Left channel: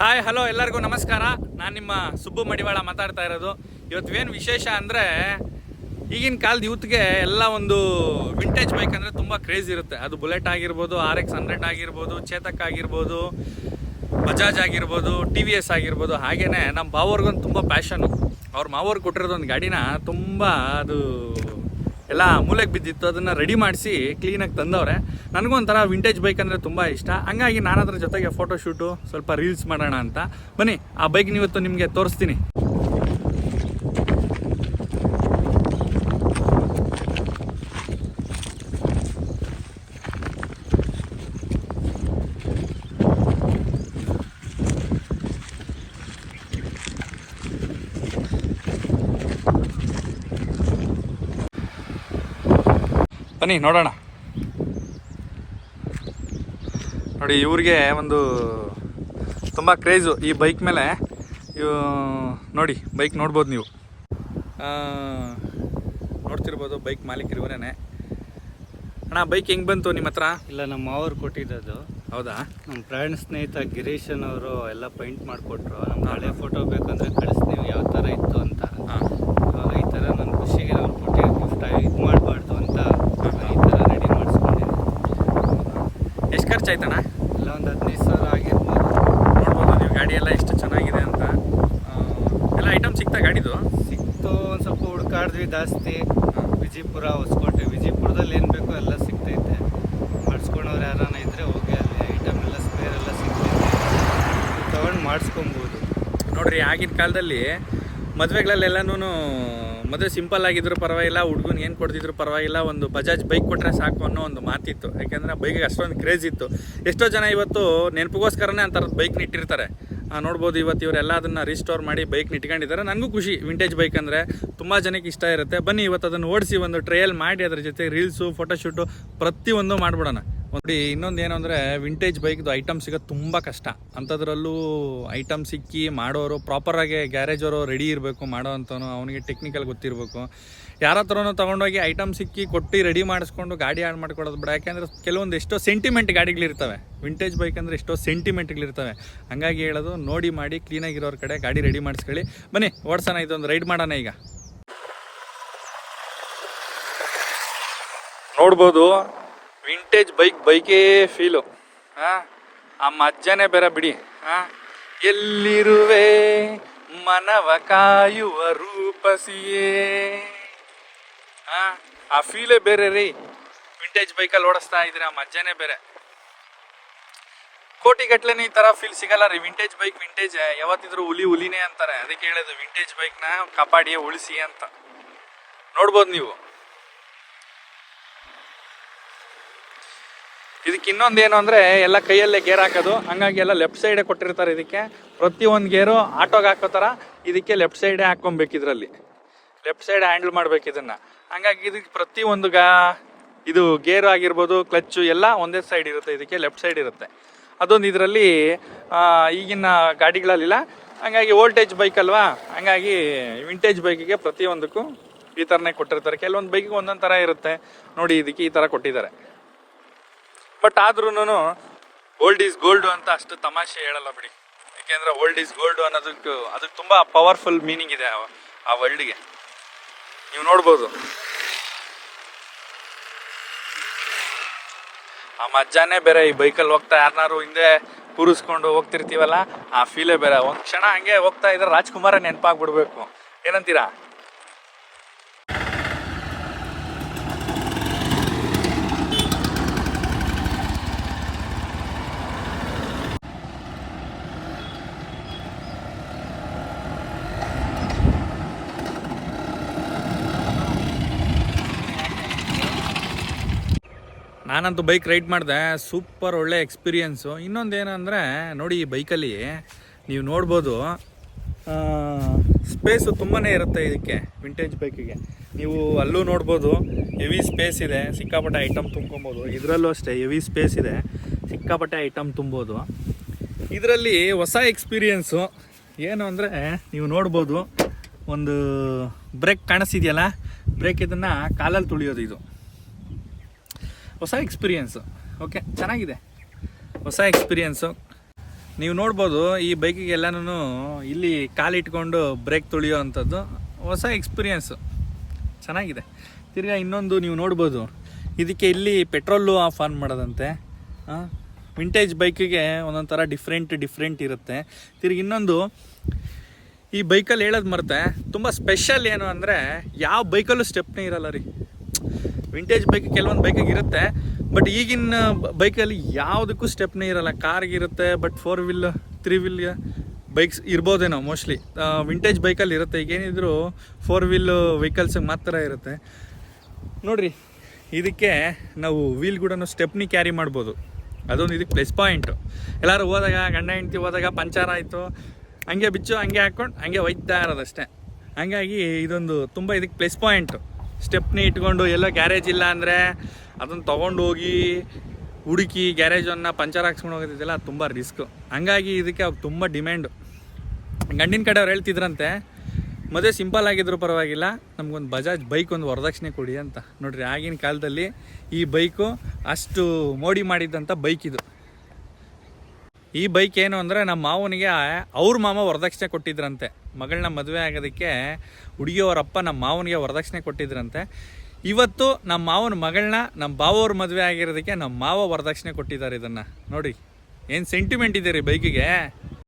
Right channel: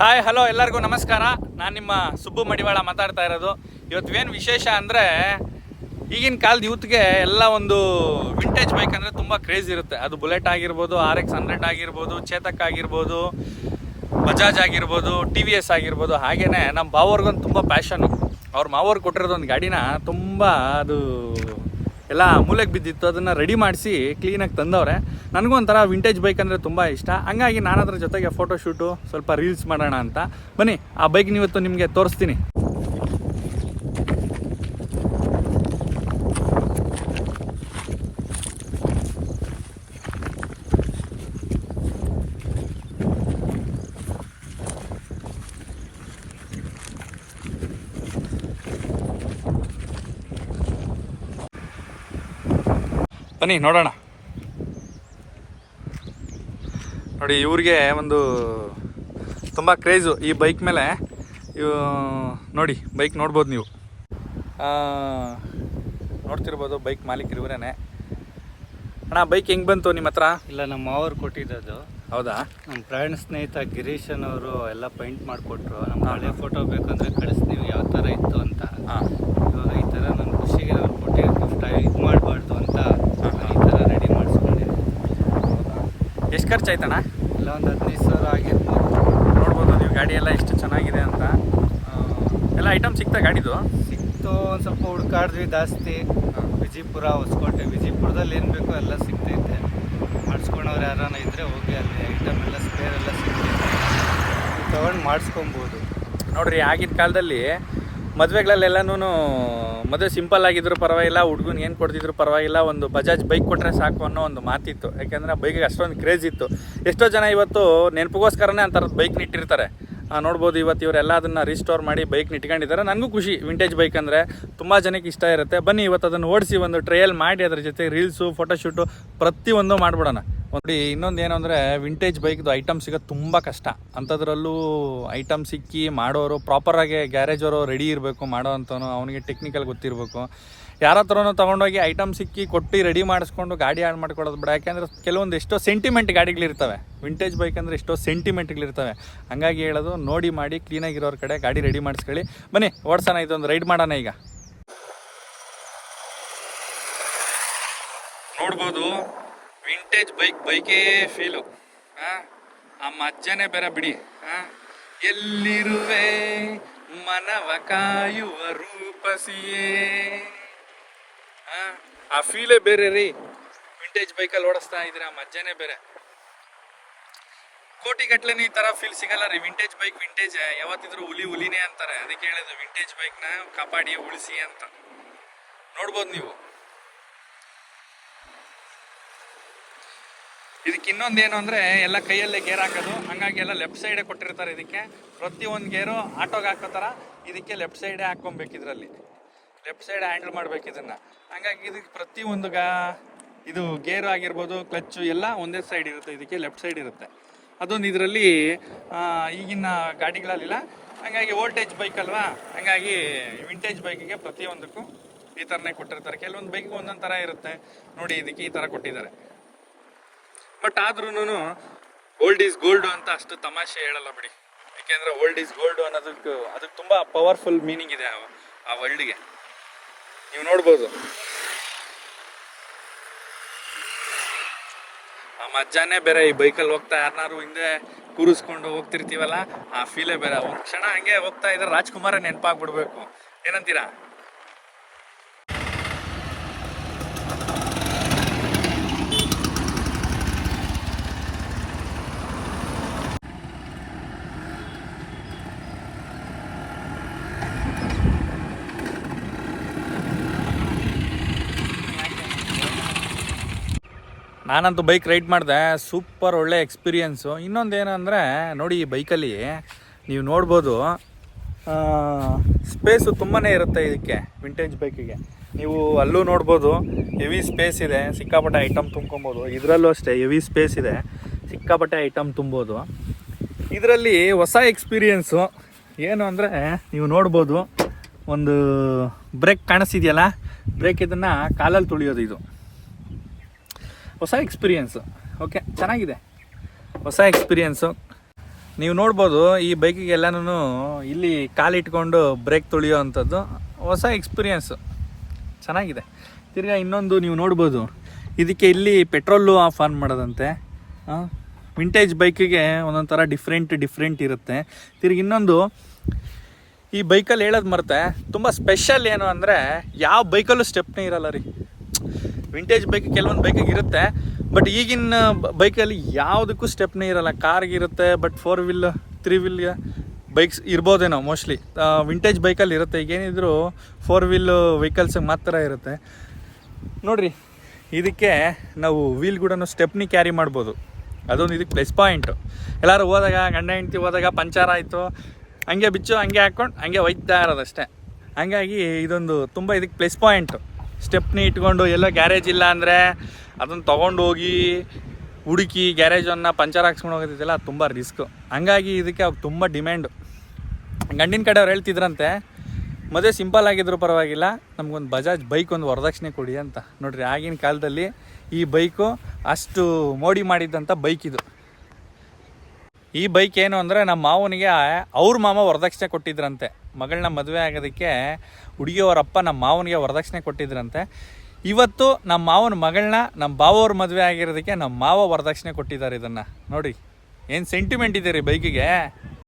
Hi hello ಎಲ್ಲರಿಗೂ ನಮಸ್ಕಾರ. ನಾನು ನಿಮ್ಮ ಸುಬ್ಬು ಮಡಿವಾಳ ಮಾತಾಡ್ತಾ ಇರೋದು. ಇವತ್ತೇನು ವಿಶೇಷ ಅಂದರೆ, ಈಗಿನ ಕಾಲದ ಯೂತ್ಗೆ ಎಲ್ಲ ಒಂದು ವಿಂಟೇಜ್ ಬೈಕ್ ಅಂದರೆ ತುಂಬ ಕ್ರೇಜ್ ಇರುತ್ತೆ. ಅದು ಬುಲೆಟ್ ಆಗಿರ್ಬೋದು, RX 100 ಆಗಿರ್ಬೋದು, ಚೇತಕ್ ಆಗಿರ್ಬೋದು, ಬಜಾಜ್ ಆಗಿರ್ಬೋದು, TVS ಆಗಿರ್ಬೋದು. ಹಾಗೆಯೇ ನಮ್ಮ ಬಾವರ್ಗೊಂದು ತುಂಬ ಪ್ಯಾಷನು. ಅವ್ರ ಮಾವವ್ರು ಕೊಟ್ಟಿರೋದೊಂದು ಗಾಡಿನ ತುಂಬ ಅದು ಎಲ್ಲ ಮೂಲೆಗೆ ಬಿದ್ದಿತ್ತು, ಅದನ್ನು ರೆಡಿ ಮಾಡಿಸಿ ಕ್ಲೀನಾಗಿ ತಂದವ್ರೆ. ನನಗೂ ಒಂಥರ ವಿಂಟೇಜ್ ಬೈಕ್ ಅಂದರೆ ತುಂಬ ಇಷ್ಟ. ಹಂಗಾಗಿ ನಾನು ಅದ್ರ ಜೊತೆಗೆ ಫೋಟೋಶೂಟು, ಸ್ವಲ್ಪ ರೀಲ್ಸ್ ಮಾಡೋಣ ಅಂತ ಬನ್ನಿ. ಆ ಬೈಕ್ ಇವತ್ತು ನಿಮಗೆ ತೋರಿಸ್ತೀನಿ. ಬನ್ನಿ ನೋಡೋಣ. ನೋಡಿ, ಇವ್ರಿಗೆ ಒಂದು ತುಂಬ ಕ್ರೇಜು ಈ ಬೈಕ್ ಮೇಲೆ. ನೋಡಿ, ಬೈಕ್ ನೋಡ್ಬೋದು ನೀವು, ನೋಡ್ತಿರ್ಬೋದು. ಬೈಕ್ ಮಾಲೀಕರು ಇವರೇನೆ. ಅಣ್ಣ, ಬೈಕ್ ಹೆಂಗೆ ಬಂತು ನಿಮ್ಮ ಹತ್ರ? ಇಲ್ಲ, ನಮ್ಮ ಮಾವರು ಕೊಟ್ಟಿದ್ದು. ಹೌದಾ? ನಮ್ಮ ಪ್ರಾಣ ಸ್ನೇಹಿತ ಗಿರೀಶನ್ ಅವರು ಎಲ್ಲ ಪೇಂಟ್ ಮಾಡಿಕೊಟ್ರು. ನಮ್ಮ ಹಳೆ ಫೋಟೋ ಬೇಕಂದ್ರೆ ಕಳಿಸ್ತೀವಿ ಯಾವ ಥರ ಇತ್ತು ಅಂತ. ಇವಾಗ ಈ ಥರ ನನ್ನ ಖುಷಿಗೆ ಅವ್ರು ಕೊಟ್ಟಿರೋ ಗಿಫ್ಟ್ ಇದು ಮಾಡಬಾರ್ದು ಅಂತ ಈ ಥರ ರೆಡಿ ಮಾಡಿಸ್ಕೊಂಡಿದ್ದೀನಿ. ಎಷ್ಟು ಖರ್ಚಾಯ್ತಣ್ಣ? ಇಲ್ಲ, ಒಂದು 15,000 ಆಗಿರ್ಬೋದು. ನೋಡ್ಬೋದು ನೀವು ಗಾಡಿ ಎಲ್ಲ ಎಷ್ಟು ಚೆನ್ನಾಗಿದೆ ಅಂತ. ಎಲ್ಲ ಐಟಮ್ ಸಿಗ್ತಾ ಗಾಡಿದು? ಸಿಕ್ತು, ಒಂದು ಸ್ವಲ್ಪ ಹುಡುಕಾಡಿದ್ವಿ ಜಾಸ್ತಿ. ವಿಜಯಪುರ, ಹೊಸಕೋಟೆ, ವಿಜಯಪುರದಲ್ಲಿ ಏನು ಬೇಕೋ ಎಲ್ಲ ಸಿಗ್ತೈತೆ. ಮಾಡಿಸ್ಕೊಂಡವ್ರು ಯಾರಾನ ಇದ್ದರೆ ಹೋಗಿ ಅಲ್ಲಿ ಐಟಮ್ ಎಲ್ಲ ಸ್ಪೇರ್ ಎಲ್ಲ ಸಿಗ್ತೈತೆ, ತೊಗೊಂಡು ಮಾಡಿಸ್ಕೊಬೋದು. ನೋಡ್ರಿ, ಆಗಿನ ಕಾಲದಲ್ಲಿ ಮದುವೆಗಳಲ್ಲೆಲ್ಲನೂ ಮದುವೆ ಸಿಂಪಲ್ ಆಗಿದ್ರು ಪರವಾಗಿಲ್ಲ, ಹುಡುಗನ ಏನು ಕೊಡ್ತಿದ್ರು ಪರವಾಗಿಲ್ಲ, ಒಂದು ಬಜಾಜ್ ಬೈಕ್ ಕೊಟ್ಟರೆ ಸಾಕು ಅನ್ನೋ ಒಂದು ಮಾತಿತ್ತು. ಯಾಕೆಂದರೆ ಆ ಬೈಕಿಗೆ ಅಷ್ಟೊಂದು ಕ್ರೇಜ್ ಇತ್ತು. ಎಷ್ಟೋ ಜನ ಇವತ್ತು ನೆನಪಿಗೋಸ್ಕರನೇ ಅಂಥದ್ದು ಬೈಕ್ನ ಇಟ್ಟಿರ್ತಾರೆ. ನೋಡ್ಬೋದು, ಇವತ್ತು ಇವರೆಲ್ಲ ಅದನ್ನು ರೀಸ್ಟೋರ್ ಮಾಡಿ ಬೈಕ್ನ ಇಟ್ಕೊಂಡಿದ್ದಾರೆ. ನನಗೂ ಖುಷಿ. ವಿಂಟೇಜ್ ಬೈಕ್ ಅಂದರೆ ತುಂಬ ಜನಕ್ಕೆ ಇಷ್ಟ ಇರುತ್ತೆ. ಬನ್ನಿ, ಇವತ್ತು ಅದನ್ನು ಓಡಿಸಿ ಒಂದು ಟ್ರಯಲ್ ಮಾಡಿ ಅದ್ರ ಜೊತೆ ರೀಲ್ಸು, ಫೋಟೋಶೂಟು ಪ್ರತಿಯೊಂದು ಮಾಡಿಬಿಡೋಣ. ನೋಡಿ, ಇನ್ನೊಂದು ಏನು ಅಂದರೆ, ವಿಂಟೇಜ್ ಬೈಕ್ದು ಐಟಮ್ ಸಿಗೋದು ತುಂಬ ಕಷ್ಟ. ಅಂಥದ್ರಲ್ಲೂ ಐಟಮ್ ಸಿಕ್ಕಿ ಮಾಡೋರು ಪ್ರಾಪರಾಗಿ ಗ್ಯಾರೇಜವರು ರೆಡಿ ಇರಬೇಕು, ಮಾಡೋ ಅಂಥವನು ಅವನಿಗೆ ಟೆಕ್ನಿಕಲ್ ಗೊತ್ತಿರಬೇಕು. ಯಾರ ಹತ್ರನೂ ತೊಗೊಂಡೋಗಿ ಐಟಮ್ ಸಿಕ್ಕಿ ಕೊಟ್ಟು ರೆಡಿ ಮಾಡಿಸ್ಕೊಂಡು ಗಾಡಿ ಹಾಳು ಮಾಡ್ಕೊಡೋದು ಬೇಡ. ಯಾಕೆಂದರೆ ಕೆಲವೊಂದು ಎಷ್ಟೋ ಸೆಂಟಿಮೆಂಟ್ ಗಾಡಿಗಳಿರ್ತವೆ. ವಿಂಟೇಜ್ ಬೈಕ್ ಅಂದರೆ ಎಷ್ಟೋ ಸೆಂಟಿಮೆಂಟ್ಗಳಿರ್ತವೆ. ಹಾಗಾಗಿ ಹೇಳೋದು, ನೋಡಿ ಮಾಡಿ ಕ್ಲೀನಾಗಿರೋರ ಕಡೆ ಗಾಡಿ ರೆಡಿ ಮಾಡಿಸ್ಕೊಳ್ಳಿ. ಬನ್ನಿ ಓಡಿಸೋಣ, ಇದೊಂದು ರೈಡ್ ಮಾಡೋಣ. ಈಗ ನೋಡ್ಬೋದು, ವಿಂಟೇಜ್ ಬೈಕೇ ಫೀಲು. ಆ ಮಜ್ಜನೇ ಬೇರೆ ಬಿಡಿ. ಎಲ್ಲಿರುವೆ ಮನವ ಕಾಯುವ ರೂಪಸಿಯೇ, ಆ ಫೀಲೇ ಬೇರೆ ರೀ. ವಿಂಟೇಜ್ ಬೈಕಲ್ಲಿ ಓಡಿಸ್ತಾ ಇದ್ರೆ ಆ ಮಜ್ಜನೇ ಬೇರೆ. ಕೋಟಿಗಟ್ಲೆನೇ ಈ ಥರ ಫೀಲ್ ಸಿಗಲ್ಲ ರೀ. ವಿಂಟೇಜ್ ಬೈಕ್ ವಿಂಟೇಜ್ ಯಾವತ್ತಿದ್ರು ಹುಲಿನೇ ಅಂತಾರೆ. ಅದಕ್ಕೆ ಹೇಳೋದು, ವಿಂಟೇಜ್ ಬೈಕ್ನ ಕಾಪಾಡಿ ಉಳಿಸಿ ಅಂತ. ನೋಡ್ಬೋದು ನೀವು. ಇದಕ್ಕೆ ಇನ್ನೊಂದೇನು ಅಂದರೆ, ಎಲ್ಲ ಕೈಯಲ್ಲೇ ಗೇರ್ ಹಾಕೋದು. ಹಂಗಾಗಿ ಎಲ್ಲ ಲೆಫ್ಟ್ ಸೈಡೇ ಕೊಟ್ಟಿರ್ತಾರೆ ಇದಕ್ಕೆ. ಪ್ರತಿಯೊಂದು ಗೇರು ಆಟೋಗೆ ಹಾಕೋ ಥರ ಇದಕ್ಕೆ ಲೆಫ್ಟ್ ಸೈಡೇ ಹಾಕ್ಕೊಬೇಕು. ಇದರಲ್ಲಿ ಲೆಫ್ಟ್ ಸೈಡ್ ಹ್ಯಾಂಡಲ್ ಮಾಡ್ಬೇಕು ಇದನ್ನು. ಹಂಗಾಗಿ ಇದಕ್ಕೆ ಪ್ರತಿಯೊಂದು ಇದು ಗೇರ್ ಆಗಿರ್ಬೋದು, ಕ್ಲಚ್ಚು ಎಲ್ಲ ಒಂದೇ ಸೈಡ್ ಇರುತ್ತೆ. ಇದಕ್ಕೆ ಲೆಫ್ಟ್ ಸೈಡ್ ಇರುತ್ತೆ. ಅದೊಂದು ಇದರಲ್ಲಿ ಈಗಿನ ಗಾಡಿಗಳಲ್ಲಿಲ್ಲ. ಹಂಗಾಗಿ ವೋಲ್ಟೇಜ್ ಬೈಕ್ ಅಲ್ವಾ, ಹಂಗಾಗಿ ವಿಂಟೇಜ್ ಬೈಕಿಗೆ ಪ್ರತಿಯೊಂದಕ್ಕೂ ಈ ಥರನೇ ಕೊಟ್ಟಿರ್ತಾರೆ. ಕೆಲವೊಂದು ಬೈಕಿಗೆ ಒಂದೊಂದು ಥರ ಇರುತ್ತೆ. ನೋಡಿ, ಇದಕ್ಕೆ ಈ ಥರ ಕೊಟ್ಟಿದ್ದಾರೆ. ಬಟ್ ಆದ್ರೂ ಓಲ್ಡ್ ಈಸ್ ಗೋಲ್ಡ್ ಅಂತ ಅಷ್ಟು ತಮಾಷೆ ಹೇಳಲ್ಲ ಬಿಡಿ. ಯಾಕೆಂದರೆ ಓಲ್ಡ್ ಈಸ್ ಗೋಲ್ಡ್ ಅನ್ನೋದಕ್ಕೆ ಅದಕ್ಕೆ ತುಂಬ ಪವರ್ಫುಲ್ ಮೀನಿಂಗ್ ಇದೆ ಆ ವರ್ಲ್ಡ್ಗೆ. ನೀವು ನೋಡ್ಬೋದು, ಆ ಮಜ್ಜಾನೇ ಬೇರೆ. ಈ ಬೈಕಲ್ಲಿ ಹೋಗ್ತಾ ಯಾರನ್ನಾರು ಹಿಂದೆ ಕೂರಿಸ್ಕೊಂಡು ಹೋಗ್ತಿರ್ತೀವಲ್ಲ, ಆ ಫೀಲೇ ಬೇರೆ. ಒಂದು ಕ್ಷಣ ಹಂಗೆ ಹೋಗ್ತಾ ಇದ್ರೆ ರಾಜ್ಕುಮಾರ ನೆನಪಾಗ್ಬಿಡ್ಬೇಕು. ಏನಂತೀರಾ? ನಾನಂತೂ ಬೈಕ್ ರೈಡ್ ಮಾಡಿದೆ, ಸೂಪರ್ ಒಳ್ಳೆ ಎಕ್ಸ್ಪೀರಿಯೆನ್ಸು. ಇನ್ನೊಂದೇನು ಅಂದರೆ, ನೋಡಿ, ಈ ಬೈಕಲ್ಲಿ ನೀವು ನೋಡ್ಬೋದು, ಸ್ಪೇಸು ತುಂಬಾ ಇರುತ್ತೆ ಇದಕ್ಕೆ. ವಿಂಟೇಜ್ ಬೈಕಿಗೆ ನೀವು ಅಲ್ಲೂ ನೋಡ್ಬೋದು, ಹೆವಿ ಸ್ಪೇಸ್ ಇದೆ, ಸಿಕ್ಕಾಪಟ್ಟೆ ಐಟಮ್ ತುಂಬ್ಕೊಬೋದು. ಇದರಲ್ಲೂ ಅಷ್ಟೇ ಹೆವಿ ಸ್ಪೇಸ್ ಇದೆ, ಸಿಕ್ಕಾಪಟ್ಟೆ ಐಟಮ್ ತುಂಬೋದು. ಇದರಲ್ಲಿ ಹೊಸ ಎಕ್ಸ್ಪೀರಿಯೆನ್ಸು ಏನು ಅಂದರೆ, ನೀವು ನೋಡ್ಬೋದು, ಒಂದು ಬ್ರೇಕ್ ಕಾಣಿಸ್ತಿದೆಯಲ್ಲ, ಬ್ರೇಕ್ ಇದನ್ನು ಕಾಲಲ್ಲಿ ತುಳಿಯೋದು. ಇದು ಹೊಸ ಎಕ್ಸ್ಪೀರಿಯೆನ್ಸು. ಓಕೆ, ಚೆನ್ನಾಗಿದೆ, ಹೊಸ ಎಕ್ಸ್ಪೀರಿಯೆನ್ಸು. ನೀವು ನೋಡ್ಬೋದು ಈ ಬೈಕಿಗೆ ಎಲ್ಲನೂ ಇಲ್ಲಿ ಕಾಲಿಟ್ಕೊಂಡು ಬ್ರೇಕ್ ತುಳಿಯೋ ಅಂಥದ್ದು ಹೊಸ ಎಕ್ಸ್ಪೀರಿಯನ್ಸು ಚೆನ್ನಾಗಿದೆ. ತಿರ್ಗಾ ಇನ್ನೊಂದು ನೀವು ನೋಡ್ಬೋದು, ಇದಕ್ಕೆ ಇಲ್ಲಿ ಪೆಟ್ರೋಲು ಆಫ್ ಆನ್ ಮಾಡೋದಂತೆ. ವಿಂಟೇಜ್ ಬೈಕಿಗೆ ಒಂದೊಂದು ಥರ ಡಿಫ್ರೆಂಟ್ ಇರುತ್ತೆ. ತಿರ್ಗಿ ಇನ್ನೊಂದು, ಈ ಬೈಕಲ್ಲಿ ಹೇಳೋದು ಮರೆತೆ, ತುಂಬ ಸ್ಪೆಷಲ್ ಏನು ಅಂದರೆ ಯಾವ ಬೈಕಲ್ಲೂ ಸ್ಟೆಪ್ನೇ ಇರಲ್ಲ ರೀ. ವಿಂಟೇಜ್ ಬೈಕ್ ಕೆಲವೊಂದು ಬೈಕಿಗೆ ಇರುತ್ತೆ, ಬಟ್ ಈಗಿನ ಬೈಕಲ್ಲಿ ಯಾವುದಕ್ಕೂ ಸ್ಟೆಪ್ನೇ ಇರಲ್ಲ. ಕಾರ್ಗಿರುತ್ತೆ, ಬಟ್ 4 ವೀಲ್ 3 ವೀಲ್ ಬೈಕ್ಸ್ ಇರ್ಬೋದೇನೋ ಮೋಸ್ಟ್ಲಿ. ವಿಂಟೇಜ್ ಬೈಕಲ್ಲಿ ಇರುತ್ತೆ, ಈಗೇನಿದ್ರು 4 ವೀಲ್ ವೆಹಿಕಲ್ಸಿಗೆ ಮಾತ್ರ ಇರುತ್ತೆ ನೋಡಿರಿ. ಇದಕ್ಕೆ ನಾವು ವೀಲ್ ಕೂಡ ಸ್ಟೆಪ್ನಿ ಕ್ಯಾರಿ ಮಾಡ್ಬೋದು, ಅದೊಂದು ಇದಕ್ಕೆ ಪ್ಲಸ್ ಪಾಯಿಂಟು. ಎಲ್ಲರೂ ಹೋದಾಗ, ಗಂಡ ಹೆಂಡ್ತಿ ಹೋದಾಗ ಪಂಚರ್ ಆಯಿತು, ಹಂಗೆ ಬಿಚ್ಚು ಹಂಗೆ ಹಾಕ್ಕೊಂಡು ಹಂಗೆ ಒಯ್ತಾ ಇರೋದಷ್ಟೇ. ಹಂಗಾಗಿ ಇದೊಂದು ತುಂಬ ಇದಕ್ಕೆ ಪ್ಲಸ್ ಪಾಯಿಂಟು. ಸ್ಟೆಪ್ನಿ ಇಟ್ಕೊಂಡು ಎಲ್ಲೋ ಗ್ಯಾರೇಜ್ ಇಲ್ಲ ಅಂದರೆ ಅದನ್ನು ತೊಗೊಂಡು ಹೋಗಿ ಹುಡುಕಿ ಗ್ಯಾರೇಜನ್ನು ಪಂಚರ್ ಹಾಕ್ಸ್ಕೊಂಡು ಹೋಗೋದಿದೆಯಲ್ಲ, ಅದು ತುಂಬ ರಿಸ್ಕು. ಹಂಗಾಗಿ ಇದಕ್ಕೆ ಅವ್ರು ತುಂಬ ಡಿಮ್ಯಾಂಡು. ಗಂಡಿನ ಕಡೆಯವ್ರು ಹೇಳ್ತಿದ್ರಂತೆ, ಮದುವೆ ಸಿಂಪಲ್ ಆಗಿದ್ರು ಪರವಾಗಿಲ್ಲ, ನಮಗೊಂದು ಬಜಾಜ್ ಬೈಕ್ ಒಂದು ವರದಕ್ಷಿಣೆ ಕೊಡಿ ಅಂತ. ನೋಡಿರಿ, ಆಗಿನ ಕಾಲದಲ್ಲಿ ಈ ಬೈಕು ಅಷ್ಟು ಮೋಡಿ ಮಾಡಿದ್ದಂಥ ಬೈಕ್ ಇದು. ಈ ಬೈಕ್ ಏನು ಅಂದರೆ ನಮ್ಮ ಮಾವನಿಗೆ ಅವ್ರ ಮಾವ ವರದಕ್ಷಿಣೆ ಕೊಟ್ಟಿದ್ರಂತೆ. ಮಗಳನ್ನ ಮದುವೆ ಆಗೋದಕ್ಕೆ ಹುಡುಗಿಯವರಪ್ಪ ನಮ್ಮ ಮಾವನಿಗೆ ವರದಕ್ಷಿಣೆ ಕೊಟ್ಟಿದ್ರಂತೆ. ಇವತ್ತು ನಮ್ಮ ಮಾವನ ಮಗಳನ್ನ ನಮ್ಮ ಬಾವವ್ರ ಮದುವೆ ಆಗಿರೋದಕ್ಕೆ ನಮ್ಮ ಮಾವ ವರದಕ್ಷಿಣೆ ಕೊಟ್ಟಿದ್ದಾರೆ. ಇದನ್ನು ನೋಡಿ, ಏನು ಸೆಂಟಿಮೆಂಟ್ ಇದೆ ರೀ ಬೈಕಿಗೆ.